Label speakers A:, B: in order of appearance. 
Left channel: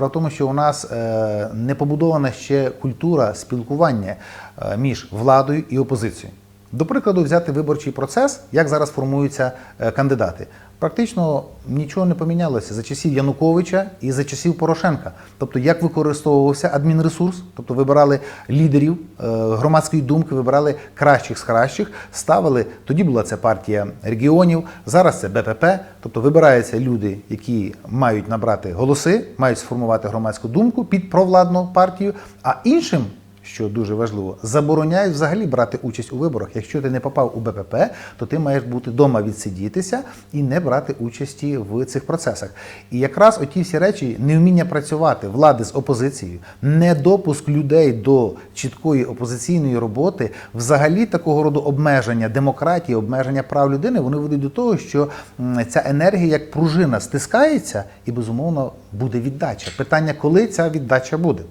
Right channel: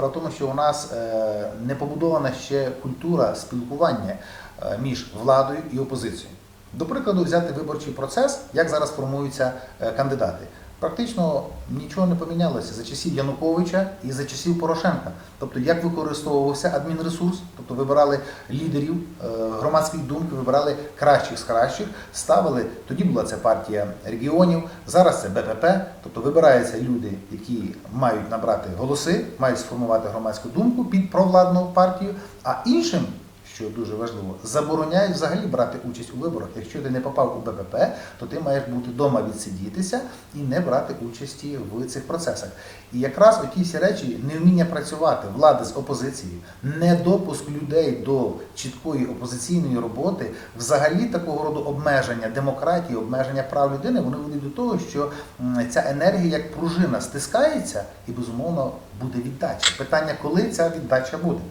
A: Справа тому, що у нас е, не побудована ще культура спілкування е, між владою і опозицією. До прикладу, взяти виборчий процес, як зараз формуються е, кандидати. Практично нічого не помінялося за часів Януковича і за часів Порошенка. Тобто, як використовувався адмінресурс, тобто вибирали лідерів е, громадської думки, вибирали кращих з кращих, ставили. Тоді була це партія регіонів, зараз це БПП. Тобто вибираються люди, які мають набрати голоси, мають сформувати громадську думку під провладну партію, а іншим що дуже важливо, забороняють взагалі брати участь у виборах. Якщо ти не попав у БПП, то ти маєш бути вдома відсидітися і не брати участі в цих процесах. І якраз оті всі речі, невміння працювати влади з опозицією, недопуск людей до чіткої опозиційної роботи, взагалі такого роду обмеження демократії, обмеження прав людини, вони ведуть до того, що ця енергія як пружина стискається, і безумовно буде віддача. Питання, коли ця віддача буде.